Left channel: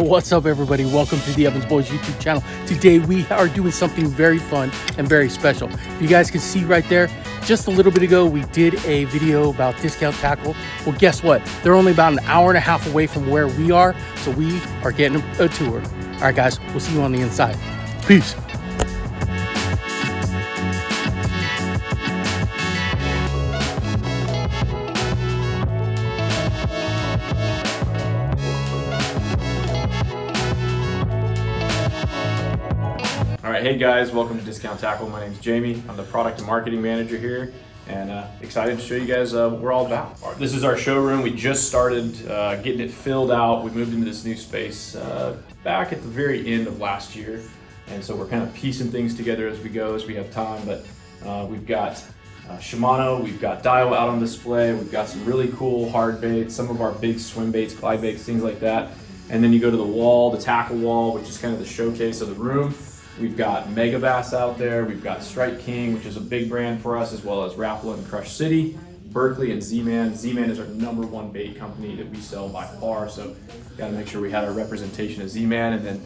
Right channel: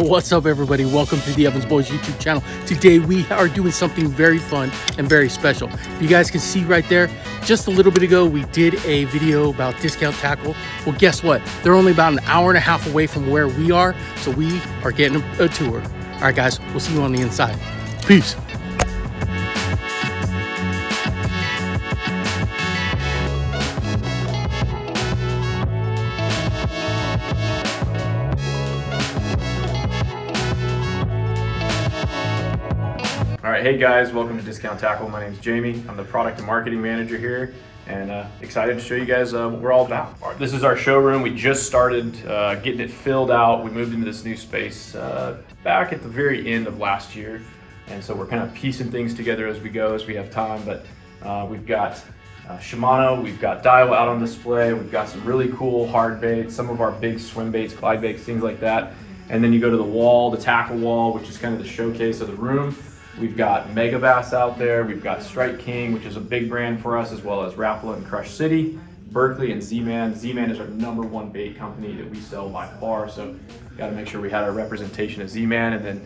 What's up, everybody? Welcome to the Evans Boys YouTube channel. Today we are doing something very fun and very special. You guys can see right there, just a little bit ago we did a video about discount tackle. Well, guess what? They're only about an hour and a half away from where we are, so we are getting a tour. All right, guys, we'll see you on the inside. Peace. All right, hey guys, welcome to Discount Tackle. My name's Jamie. I'm the product and marketing manager here, and excited to show you guys what we're all about. This is our showroom. We just started getting it filled out. We moved into this new space back at the very end of last year, and so we're kind of piecing things together as we go, as we have time. But we've got Shimano, we've got Daiwa out on display. We've got some really cool hard baits, some of our big swim baits, glide baits, things like that. And then you go to the wall, the tackle wall, which is kind of the showcase of the room. We've got Mega Bass out there. We've got Strike King, which is a big brand for us, as well as Rapala and Crush City, Berkeley, and Z-Man. Z-Man is our #1 bait company that we sell by far, so got to make sure we had our representation of Z-Man. And then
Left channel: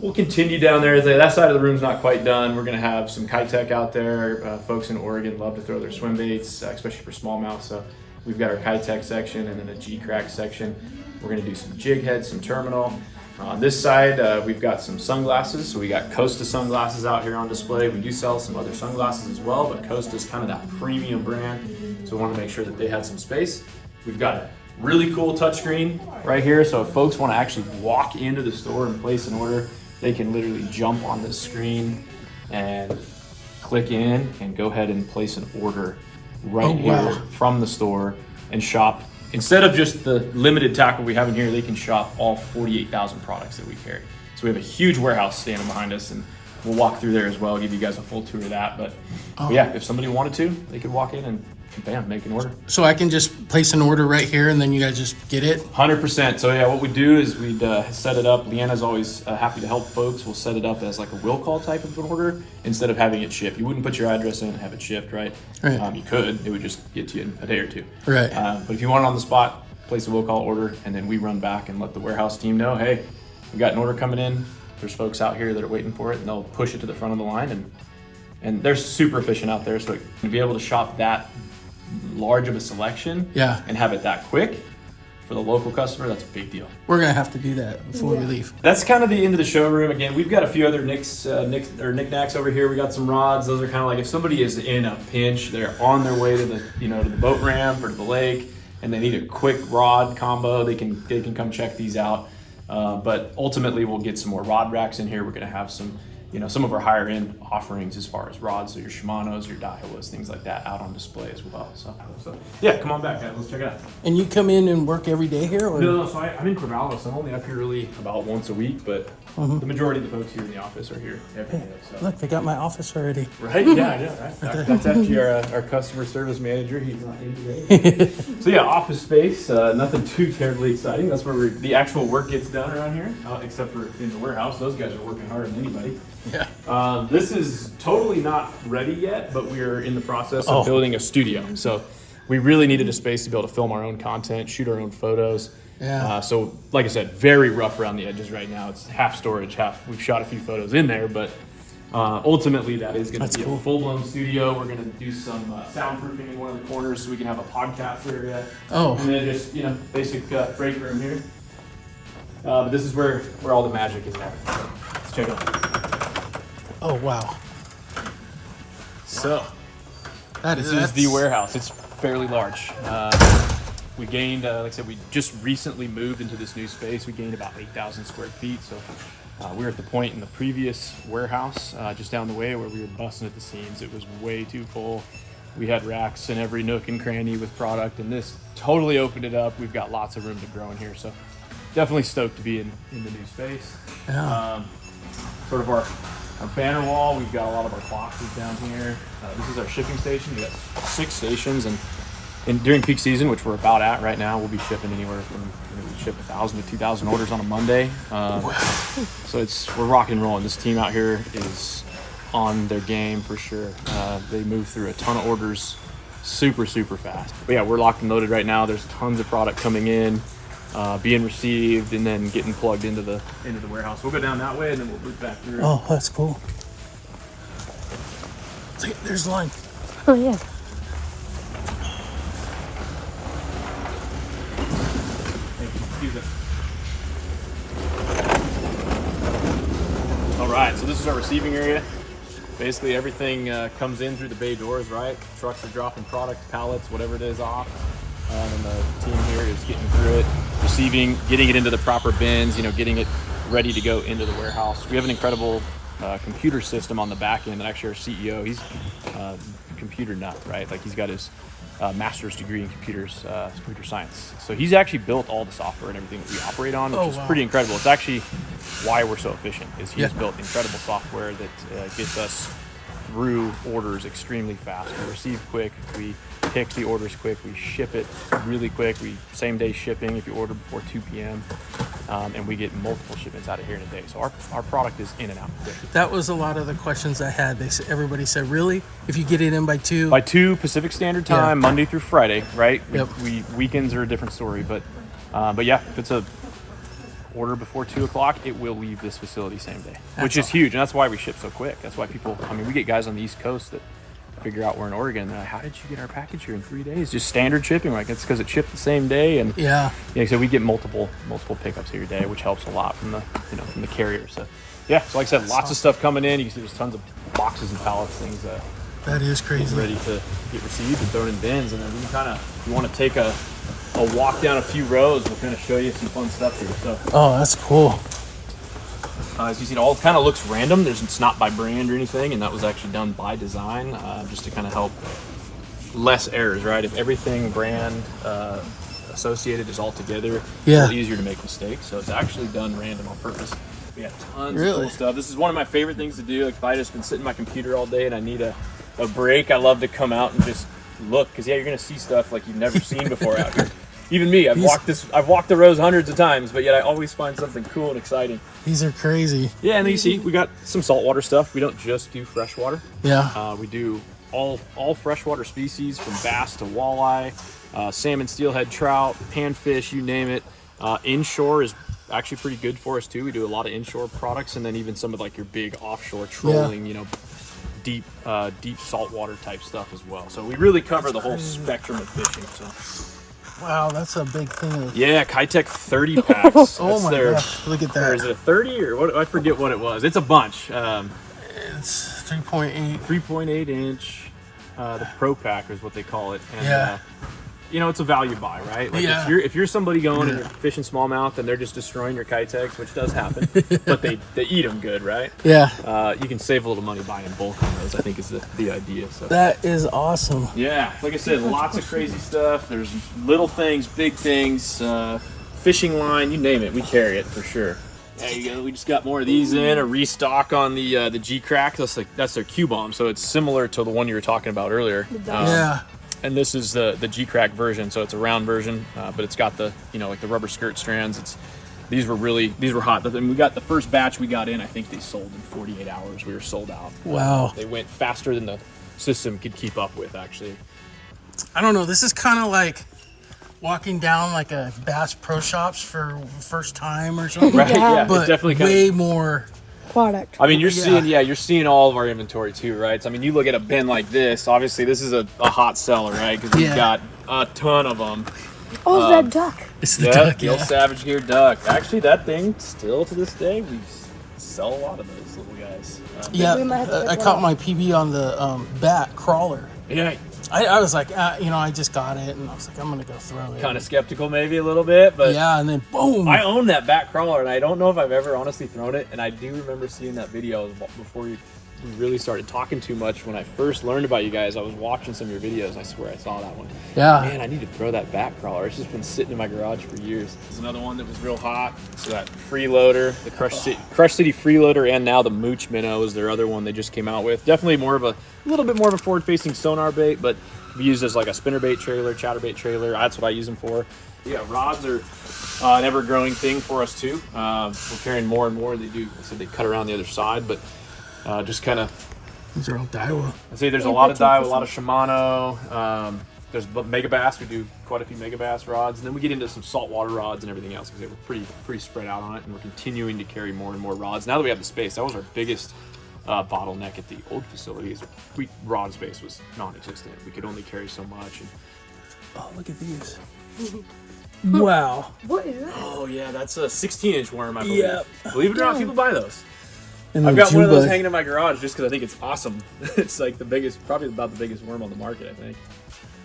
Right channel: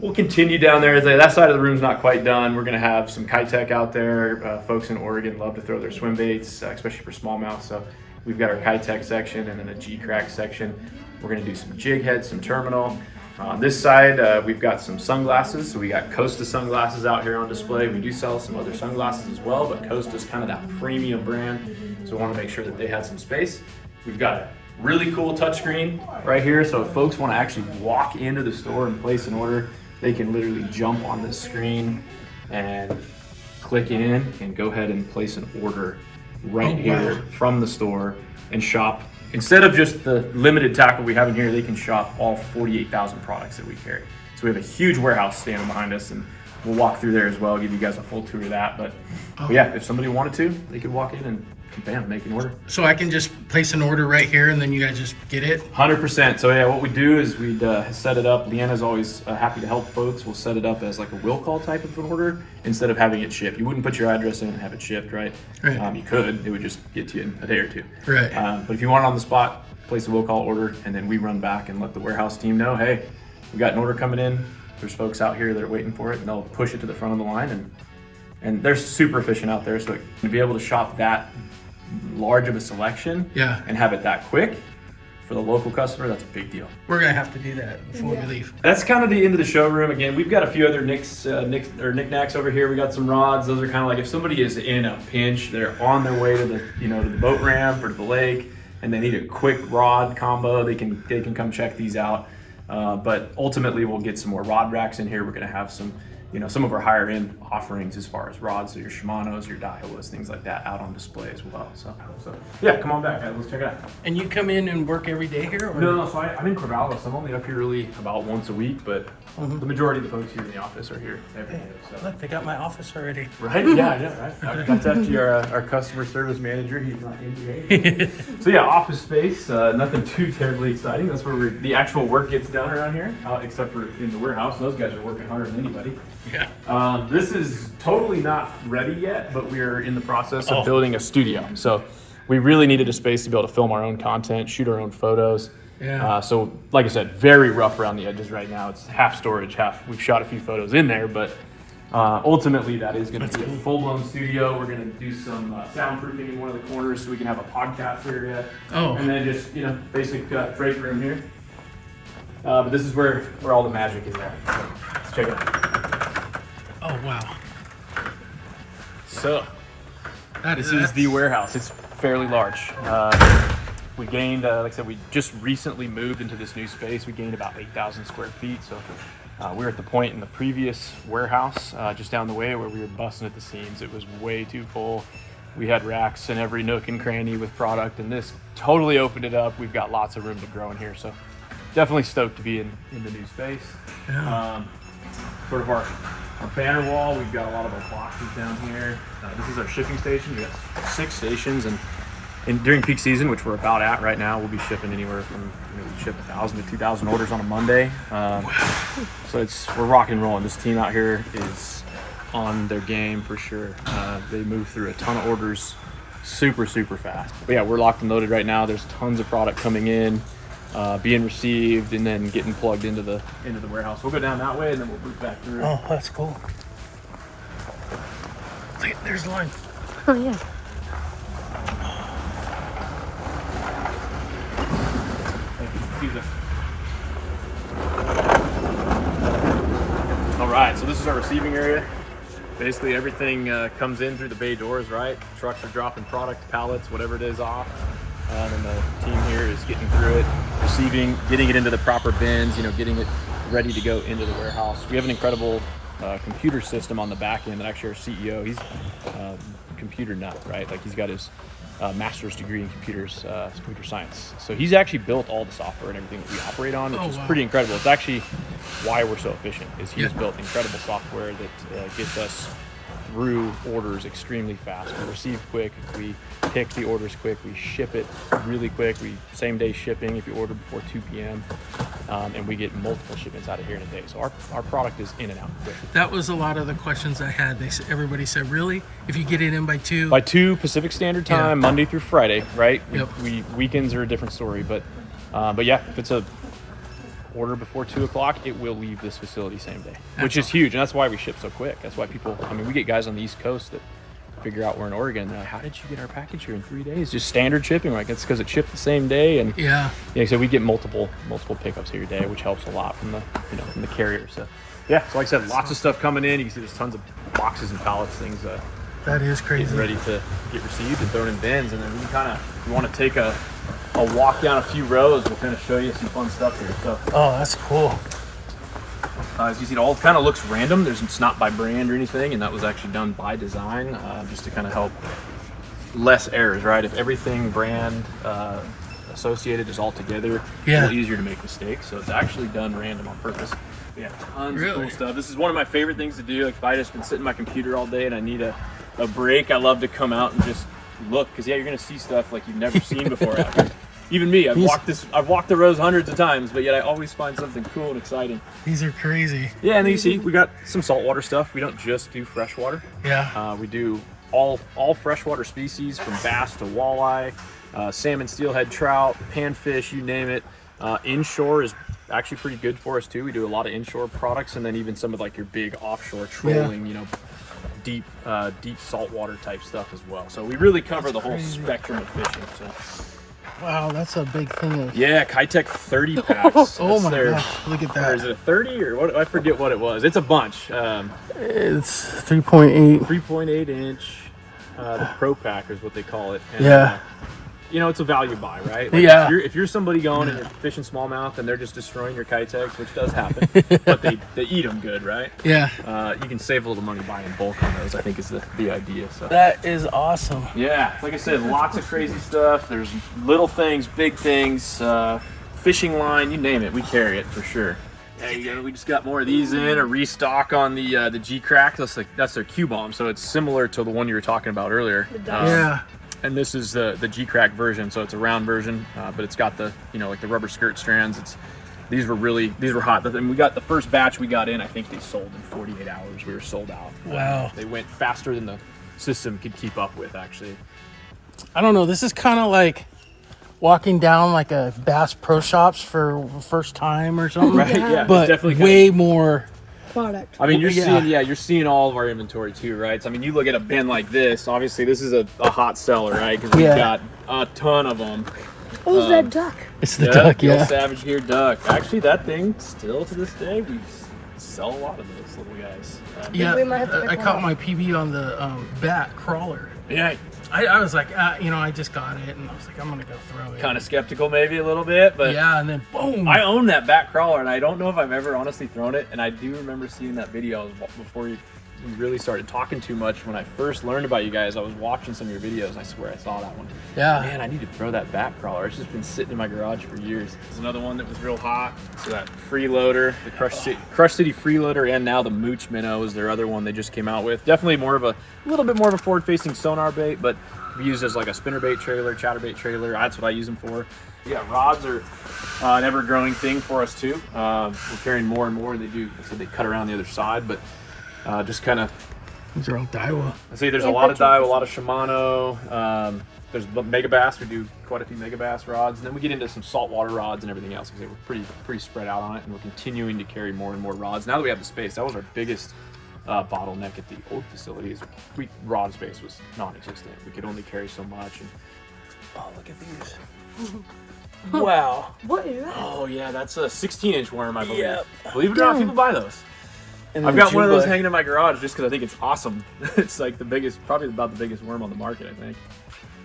we'll continue down there. That side of the room's not quite done. We're going to have some Kitech out there. Folks in Oregon love to throw their swim baits, especially for smallmouth. So we've got our Kitech section and then a G-Crack section. We're going to do some jig heads, some terminal. On this side, we've got some sunglasses. So we got Costa sunglasses out here on display. We do sell some other sunglasses as well, but Costa's kind of that premium brand. So we want to make sure that they had some space. We've got a really cool touchscreen right here. So if folks want to actually walk into the store and place an order, they can literally jump on this screen and click in and go ahead and place an order right here from the store and shop. Instead of just the limited tackle we have in here, they can shop all 48,000 products that we carry. So we have a huge warehouse standing behind us, and we'll walk through there as well, give you guys a full tour of that. But yeah, if somebody wanted to, they could walk in and bam, make an order. So I can just place an order right here and then you guys just get it? 100%. So yeah, what we do is we'd set it up. Leanna's always happy to help folks. We'll set it up as like a will call type of an order instead of having it shipped. You wouldn't put your address in and have it shipped, right? You could. It would just get to you in a day or two. Right. But if you want it on the spot, place a will call order, and then we run back and let the warehouse team know, hey, we got an order coming in. There's folks out here that are waiting for it, and they'll push it to the front of the line. And they're super efficient out there. So to be able to shop that large of a selection and have it that quick for the local customer, that's a big deal. We're gonna have to do that before we leave. That's kind of the end of the showroom. Again, we've got a few other knickknacks over here. We got some rods. Those are kind of like if somebody is in a pinch, they're on their way to the to the boat ramp or to the lake, and they need a quick rod combo, they can come check these out. But ultimately, we'll get some more rod racks in here. We're gonna have some some of our higher end offerings as far as rods, so your Shimanos, your Daiwas, things like that out on display as well. So yeah, come on back, guys. Let's check it out. And you come in and work every day here? Or? No, so I'm in Corvallis. I'm only up here really about once a week, but the majority of the folks here in the office are here every day. So. Look, they got my office already. Right? Yeah. Right. That's actually our customer service manager. He's not in today. So yeah, office space. Nothing too terribly exciting. That's where the actual work gets done around here, except for in the warehouse. Those guys are working harder than anybody. Yeah. This is totally not ready yet, but we're in the process of building a studio. So we really needed a space to be able to film our own content, shoot our own photos. Yeah. So like I said, very rough around the edges right now. It's half storage, half. We've shot a few photos in there, but ultimately that is going to be a full-blown studio. We're going to do some soundproofing in one of the corners so we can have a podcast area. And then just basic break room here. But this is where all the magic is at. So let's check it out. Oh, wow. So, this is the warehouse. It's fairly large. We gained, like I said, we just recently moved into this new space. We gained about 8,000 square feet. So we were at the point in the previous warehouse just down the way where we were busting at the seams. It was way too full. We had racks in every nook and cranny with product, and this totally opened it up. We've got lots of room to grow in here. So definitely stoked to be in the new space. Yeah. Sort of our banner wall, we've got a lot of our boxes down here. This is our shipping station. We got 6 stations, and during peak season, which we're about at right now, we'll be shipping anywhere from we ship 1,000 to 2,000 orders on a Monday. So we're rocking and rolling. This team out here is on their game for sure. They move through a ton of orders super fast. But yeah, we're locked and loaded right now. There's tons of product coming in. being received and then getting plugged into the warehouse. We'll go down that way and then we'll loop back through. Oh, that's cool. Look, there's the line. Oh, yeah. Excuse me. All right, so this is our receiving area. Basically everything comes in through the bay doors, right? Trucks are dropping product, pallets, whatever it is off. And the team here is getting through it, receiving, getting it into the proper bins, you know, getting it ready to go into the warehouse. We have an incredible computer system on the back end that actually our CEO, he's a computer nut, right? Like he's got his master's degree in computer science. So he's actually built all the software and everything that we operate on, which is pretty incredible. It's actually why we're so efficient, is he's built incredible software that gets us through orders extremely fast. We receive quick, we pick the orders quick, we ship it really quick. We same day shipping if you order before 2 p.m. And we get multiple shipments out of here in a day. So our product is in and out quick. That was a lot of the questions I had. Everybody said, really? If you get it in by 2? By 2 Pacific Standard Time, Monday through Friday, right? Yep. We weekends are a different story, but yeah, if it's a order before 2 o'clock, it will leave this facility same day, which is huge. And that's why we ship so quick. That's why people, I mean, we get guys on the East Coast that figure out we're in Oregon. They're like, how did you get our package here in 3 days? Just standard shipping. Like, it's because it shipped the same day. And so we get multiple pickups here a day, which helps a lot from the, from the carrier. So yeah, so like I said, lots of stuff coming in. You can see there's tons of boxes and pallets, things that is crazy, ready to get received and thrown in bins. And then you want to take a walk down a few rows. We'll kind of show you some fun stuff here. So that's cool. As you see, it all kind of looks random. It's not by brand or anything, and that was actually done by design, just to kind of help less errors, right? If everything brand associated is all together, it's a little easier to make mistakes. So it's actually done random on purpose. We have tons of cool stuff. This is one of my favorite things to do. Like if I just been sitting at my computer all day and I need a break, I love to come out and just look, because you're gonna see stuff like you've never seen before out here. Even me, I've walked the rows hundreds of times, but yet I always find something cool and exciting. These are crazy. Yeah, and then you see we got some saltwater stuff. We don't just do freshwater. Yeah. We do all freshwater species, from bass to walleye, salmon, steelhead, trout, panfish, you name it. Inshore is actually pretty good for us too. We do a lot of inshore products, and then even some of like your big offshore trolling, deep saltwater type stuff as well. So we really cover the whole spectrum of fishing. So. Wow, that's a big thing. Yeah, Kitech 30 packs. Oh my gosh, look at that. Or is it a 30 or what? I forget what it was. It's a bunch. It's 3.8. 3.8 inch. The Pro Pack is what they call it. And, it's a value buy, right? Like if you're somebody going and you're fishing smallmouth and they're just destroying your Kitechs, which does happen, but they eat them good, right? Yeah. You can save a little money buying bulk on those, I think is the idea. So that is awesome. Yeah, like I said, lots of crazy stuff. There's little things, big things, fishing line, you name it, we carry it for sure. There you go. We just got more of these in, a restock on the G-Crack. That's their Q-bomb, so it's similar to the one you were talking about earlier. And this is the G-Crack version, so it's a round version, but it's got the like the rubber skirt strands. These were hot. And we got the first batch we got in. I think they sold in 48 hours. We were sold out. Wow. They went faster than the system could keep up with, actually. I don't know. This is kind of like walking down like a Bass Pro Shops for first time or something. Right? Yeah. But definitely way more product. I mean, you're seeing all of our inventory too, right? So, I mean, you look at a bin like this. Obviously, this is a hot seller, right? Because we've got a ton of them. Oh, that duck. It's the duck, the old Savage Gear duck. Actually, that thing still to this day, we sell a lot of those little guys. I caught my PB on the bat crawler. Yeah. I was like, I just got it, and I was like, I'm gonna go throw it. Kind of skeptical, maybe a little bit, but and then boom! I own that bat crawler, and I don't know if I've ever honestly thrown it. And I do remember seeing that video before we really started talking too much. When I first learned about you guys, I was watching some of your videos, and I swear I saw that one. Yeah. Man, I need to throw that bat crawler. It's just been sitting in my garage for years. There's another one that was real hot. So that freeloader, the Crush City freeloader, and now the Mooch Minnow is their other one they just came out with. Definitely a little bit more of a forward-facing sonar bait, but we use as like a spinnerbait trailer, chatterbait trailer. That's what I use them for. Yeah, rods are an ever-growing thing for us too. We're carrying more and more. They cut around the other side, but just kind of These are all Daiwa. I see there's a lot of Daiwa, a lot of Shimano. There's Mega Bass. We do quite a few Mega Bass rods, and then we get into some saltwater rods and everything else because we're pretty spread out on it, and we're continuing to carry more and more rods. Now that we have the space, that was our biggest bottleneck at the old facility. Is rod space was non-existent. We could only carry so much. And oh, look at these. Wow. What is that? oh yeah, that's a 16-inch worm, I believe. Yep. Believe it or not, people buy those. And I've then got one of those June bug. hanging in my garage just because I think it's awesome. It's like the biggest, probably about the biggest worm on the market, I think.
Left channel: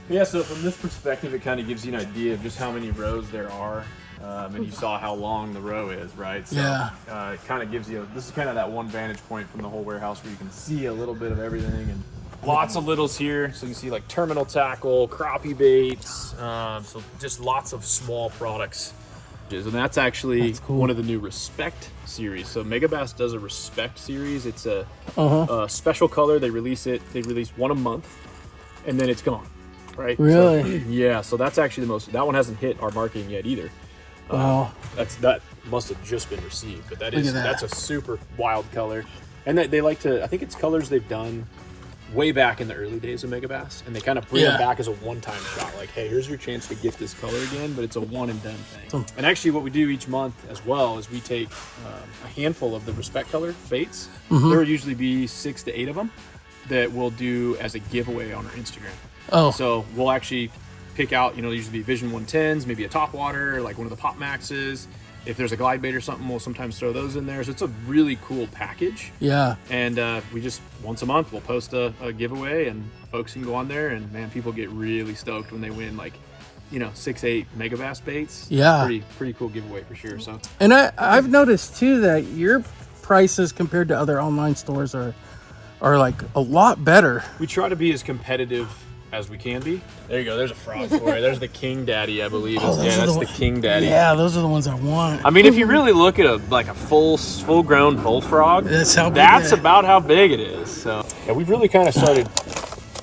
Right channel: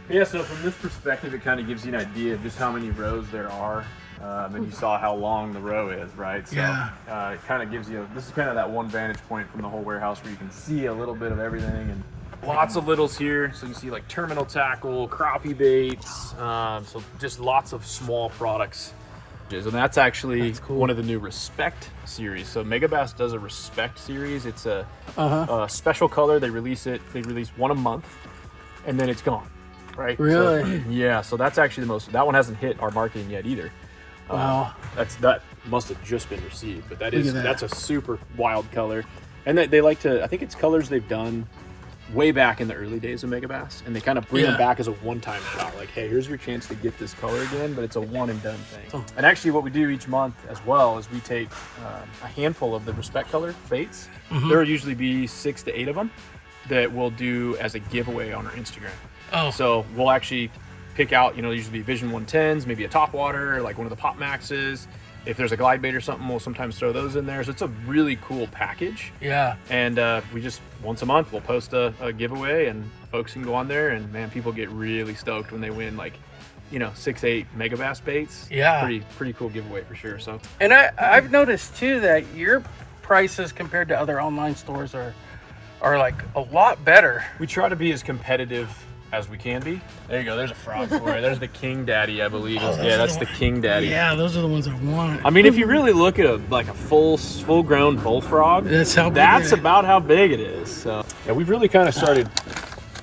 But yeah, so from this perspective, it kind of gives you an idea of just how many rows there are. And you saw how long the row is, right? So, Yeah. It kind of gives you, this is kind of that one vantage point from the whole warehouse where you can see a little bit of everything, and lots of littles here. So you see like terminal tackle, crappie baits, so just lots of small products. And that's actually cool. one of the new Respect series. So Mega Bass does a Respect series. It's a special color. They release one a month, and then it's gone. Right? Really? So, yeah. So that's actually the most. That one hasn't hit our marketing yet either. That must have just been received, but that's a super wild color, and they like to. I think it's colors they've done way back in the early days of Mega Bass, and they kind of bring them back as a one-time shot. Like, hey, here's your chance to get this color again, but it's a one and done thing. And actually, what we do each month as well is we take a handful of the Respect color baits. There will usually be 6 to 8 of them that we'll do as a giveaway on our Instagram. Oh. So we'll actually pick out, usually be Vision 110s, maybe a top water, like one of the Pop Maxes. If there's a glide bait or something, we'll sometimes throw those in there. So it's a really cool package. Yeah. And we just, once a month, we'll post a giveaway, and folks can go on there, and man, people get really stoked when they win, like, 6-8 Mega Bass baits. Yeah. Pretty cool giveaway for sure. So. And I've noticed too that your prices compared to other online stores are like a lot better. We try to be as competitive as we can be. There you go. There's a frog for you. There's the King Daddy, I believe. That's the King Daddy. Yeah, those are the ones I want. I mean, if you really look at a full-grown bullfrog, that's about how big it is. So yeah, we've really kind of started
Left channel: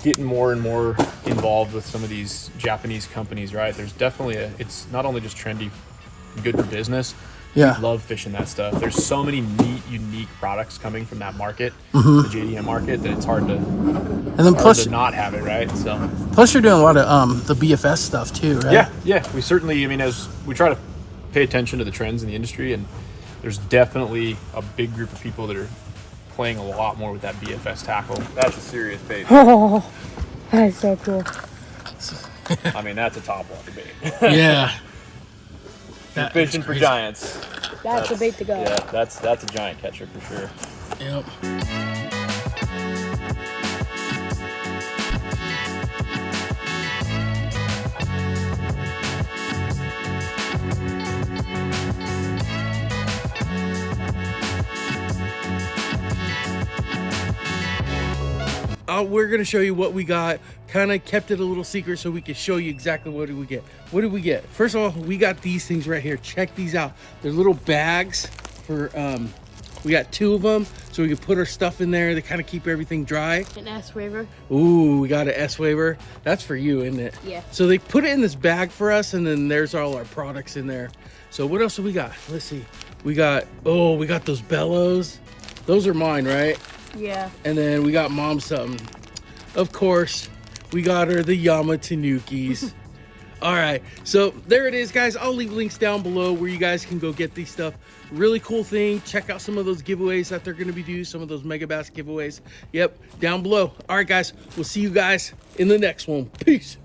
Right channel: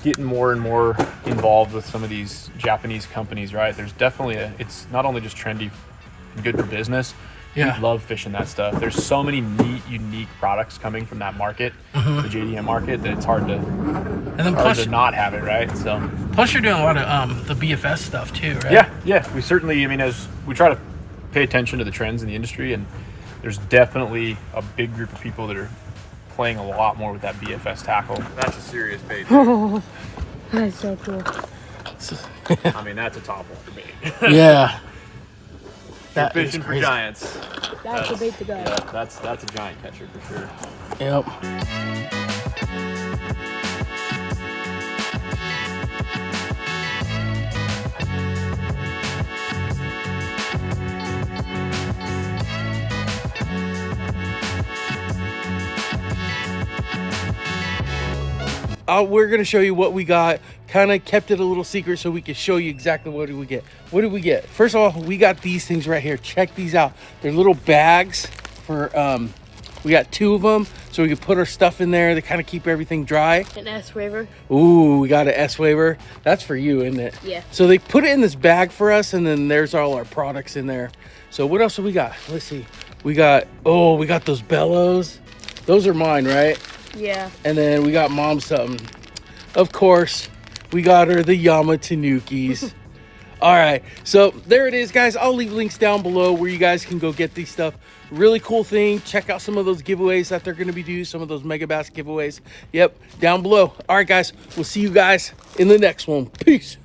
getting more and more involved with some of these Japanese companies, right? There's definitely it's not only just trendy, good for business. Yeah. We love fishing that stuff. There's so many neat, unique products coming from that market, the JDM market, that it's hard to not have it, right? So plus you're doing a lot of the BFS stuff too, right? Yeah. We certainly, as we try to pay attention to the trends in the industry, and there's definitely a big group of people that are playing a lot more with that BFS tackle. That's a serious bait. Oh, that's so cool. I mean, that's a top one bait. Yeah. That fishing for giants. That's a bait to go. Yeah, that's a giant catcher for sure. Yep. We're gonna show you what we got. Kind of kept it a little secret so we can show you exactly what did we get. What did we get? First of all, we got these things right here. Check these out. They're little bags for we got 2 of them so we can put our stuff in there to kind of keep everything dry. An S waiver. Ooh, we got an S waiver. That's for you, isn't it? Yeah. So they put it in this bag for us, and then there's all our products in there. So what else do we got? Let's see. We got those bellows. Those are mine, right? Yeah. And then we got mom something. Of course, we got her the Yama Tanukis. All right, so there it is, guys. I'll leave links down below where you guys can go get these stuff. Really cool thing. Check out some of those giveaways that they're going to be doing, some of those Mega Bass giveaways. Yep, down below. All right, guys, we'll see you guys in the next one. Peace.